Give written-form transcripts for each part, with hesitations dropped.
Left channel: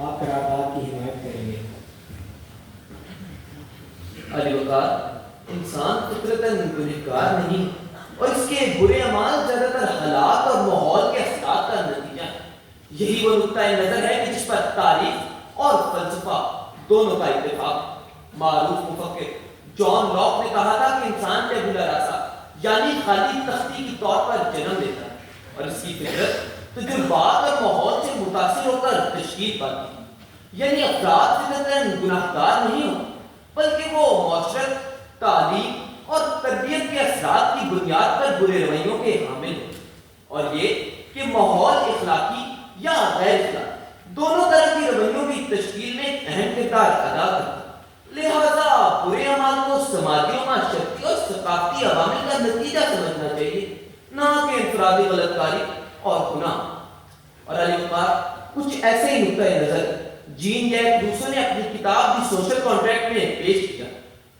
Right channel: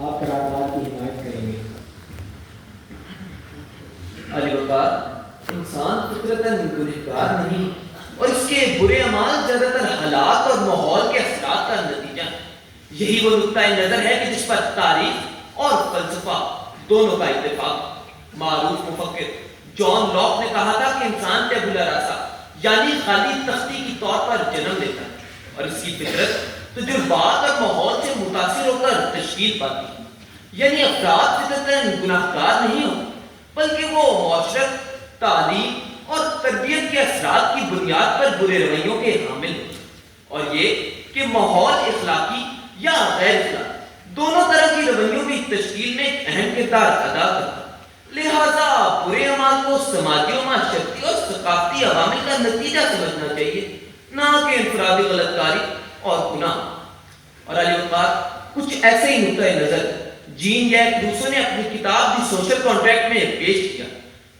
آپ قرارداد کی حمایت کریں گے؟ علی وقار، انسان فطرتاً گنہگار نہیں اور اس کے برے اعمال زیادہ تر حالات اور ماحول کے اثرات کا نتیجہ ہے۔ یہی وہ نقطۂ نظر ہے کہ جس پر تاریخ اور فلسفہ دونوں کا اتفاق۔ معروف مفکر جان لاک نے کہا تھا کہ انسان ٹیبولا راسا یعنی خالی تختی کی طور پر جنم لیتا ہے اور اس کی فطرت تجربات اور ماحول سے متاثر ہو کر تشکیل پاتی ہے۔ یعنی افراد فطرتاً گناہ گار نہیں ہوتے بلکہ وہ معاشرت، تعلیم اور تربیت کے اثرات کی بنیاد پر برے رویوں کے حامل ہوتے ہیں، اور یہ کہ ماحول اخلاقی یا غیر اخلاقی دونوں طرح کی رویوں کی تشکیل میں ایک اہم کردار ادا کرتا ہے۔ لہذا برے اعمال کو سماجی و معاشرتی اور ثقافتی عوامل کا نتیجہ سمجھنا چاہیے، نہ کہ انفرادی غلط کاری اور گناہ۔ اور علی وقار، کچھ ایسے ہی نقطۂ نظر جین ییک روسو نے اپنی کتاب دی سوشل کانٹریکٹ میں پیش کیا۔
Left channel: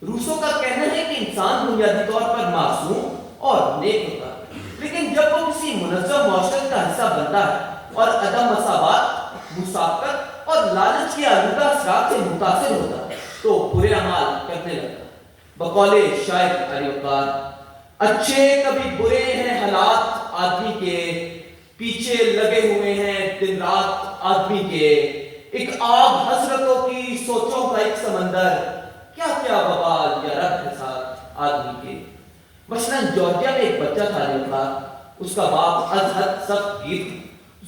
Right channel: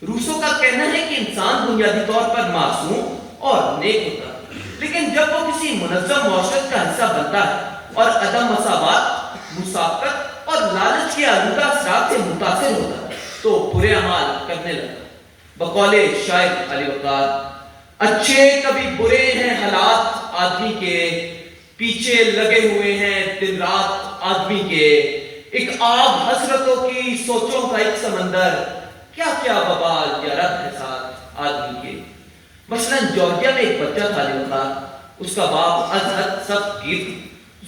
روسو کا کہنا ہے کہ انسان بنیادی طور پر معصوم اور نیک ہوتا ہے، لیکن جب وہ کسی منظم معاشرت کا حصہ بنتا ہے اور عدم مساوات، مساوات اور لالچ کے آلودہ اثرات سے متاثر ہوتا ہے تو برے اعمال کرنے لگتا ہے۔ بقول شاعر علی وقار، اچھے کبھی برے ہیں حالات آدمی کے، پیچھے لگے ہوئے ہیں دن رات آدمی کے، ایک آگ حسرتوں کی سوچوں کا ایک سمندر، کیا کیا وبال یا رب ہے ساتھ آدمی کے۔ مثلاً جارجیا میں ایک بچہ تھا علی وقار، اس کا باپ از حد سخت گیر تھا،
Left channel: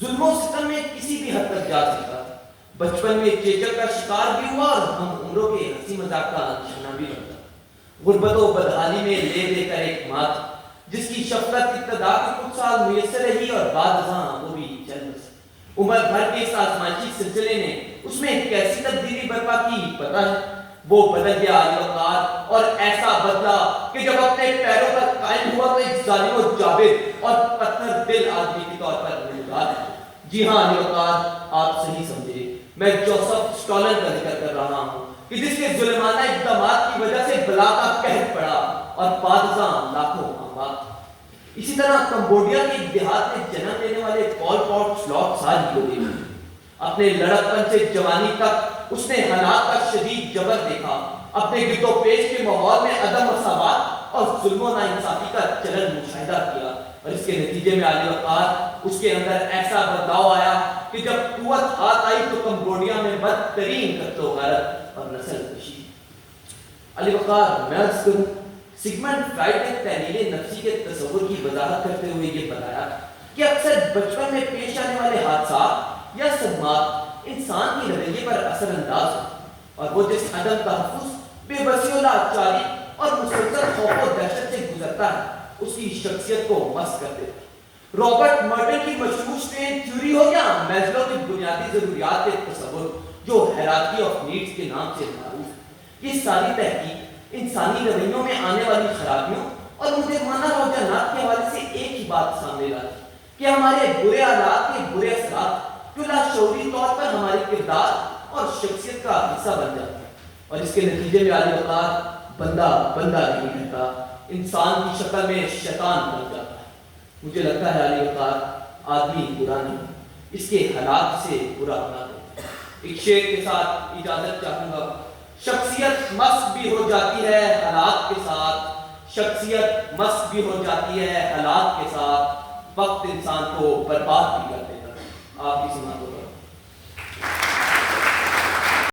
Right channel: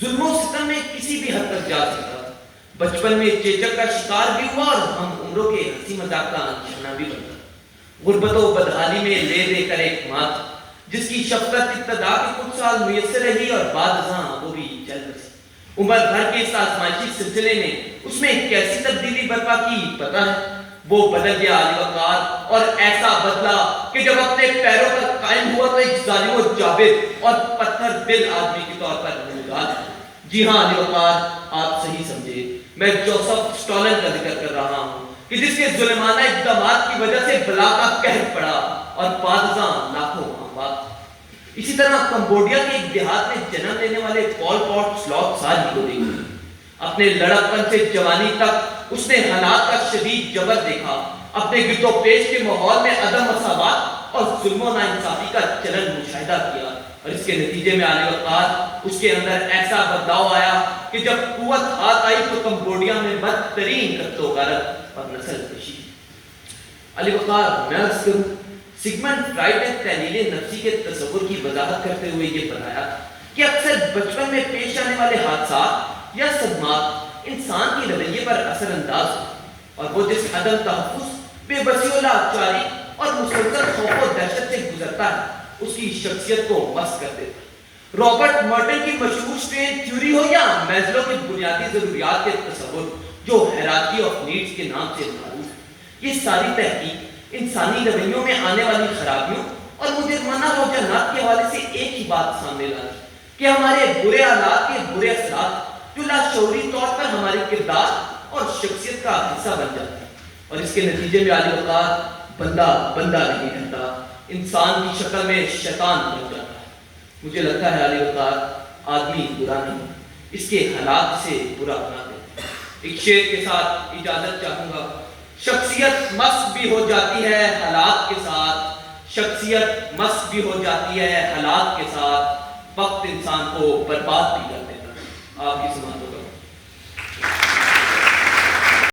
ظلم و ستم میں کسی بھی حد تک جا سکتا تھا۔ بچپن میں چیچک کا شکار بھی ہوا اور ہم عمروں کے ہنسی مذاق کا نشانہ بھی بنتا۔ غربت و بدحالی میں لے دے کر ایک ماں تھی جس کی شفقت ابتدا کے کچھ سال میسر رہی اور بعد ازاں وہ بھی چل بسی۔ عمر بھر کے اس آزمائشی سلسلے نے اس میں کیسی تبدیلی برپا کی پتہ ہے؟ وہ بدل گیا علی وقار، اور ایسا بدلا کہ جب اپنے پیروں پر قائم ہوا تو ایک ظالم و جابر اور پتھر دل آدمی کے طور پر نمودار ہے۔ جی ہاں علی وقار، آپ صحیح سمجھے، میں جوزف اسٹالن کا ذکر کر رہا ہوں کہ جس کے ظلمانہ اقدامات کی وجہ سے بلا کا قہر پڑا اور بعد ازاں لاکھوں اموات۔ اسی طرح کمبوڈیا کے ایک دیہات میں جنم لینے والے پال پاٹ سلاٹ سال کو دیکھا، اپنے لڑکپن سے جوانی تک اس نے حالات کا شدید جبر دیکھا، اپنے گرد و پیش کے ماحول میں عدم مساوات اور ظلم و ناانصافی کا چلن مشاہدہ کیا، اور اس کے نتیجے میں علی وقار اس کے اندر ایسا بدلاؤ آیا کہ جب قوت ہاتھ آئی تو کمبوڈیا میں بدترین قتل و غارت اور نسل کشی۔ علی وقار، میں عرض کروں، سگمنڈ فرائڈ نے تحلیل نفسی کے تصور کی وضاحت کرتے ہوئے یہ بتایا کہ اکثر بچپن میں پیش آنے والے حادثات یا صدمات انسان کے رویے پر اثر انداز ہوتے ہیں، اور وہ جس عدم تحفظ، بے بسی و لاچاری اور مسلسل خوف و دہشت سے گزرتا ہے اس کی شخصیت کو مست کر دیتا ہے۔ رابرٹ مرٹن کی مشہور اسٹرین تھیوری ہو یا میزلو کی بنیادی ضروریات کے تصور جو ہیرارکی آف نیڈز کے نام سے معروف ہے، یہ ساری تحقیق انسانی رویوں میں آنے والی خرابیوں اور مجرمانہ رجحانات کے حوالے سے ایک ہی بات سامنے لاتی کہ ہمارے برے حالات کے برے اثرات جو لاشعوری طور پر ہمارے کردار اور شخصیت کا حصہ بن جاتے ہیں، اور اس کے نتیجے میں علی وقار بندہ نہیں رہتا، انسان کی شکل میں شیطان بن جاتا ہے۔ مجھے لگتا ہے علی وقار، آدمی برا نہیں، اس کے حالات سے برا بنا دیتا ہے۔ ایک شعر کے ساتھ اجازت چاہوں گا۔ شخصیت مست بھی ہو جاتی ہے حالات کے ساتھ، شخصیت مست بھی ہو جاتی ہے حالات کے ساتھ، وقت انسان کو برباد بھی کر دیتا ہے۔ آپ کی سماعت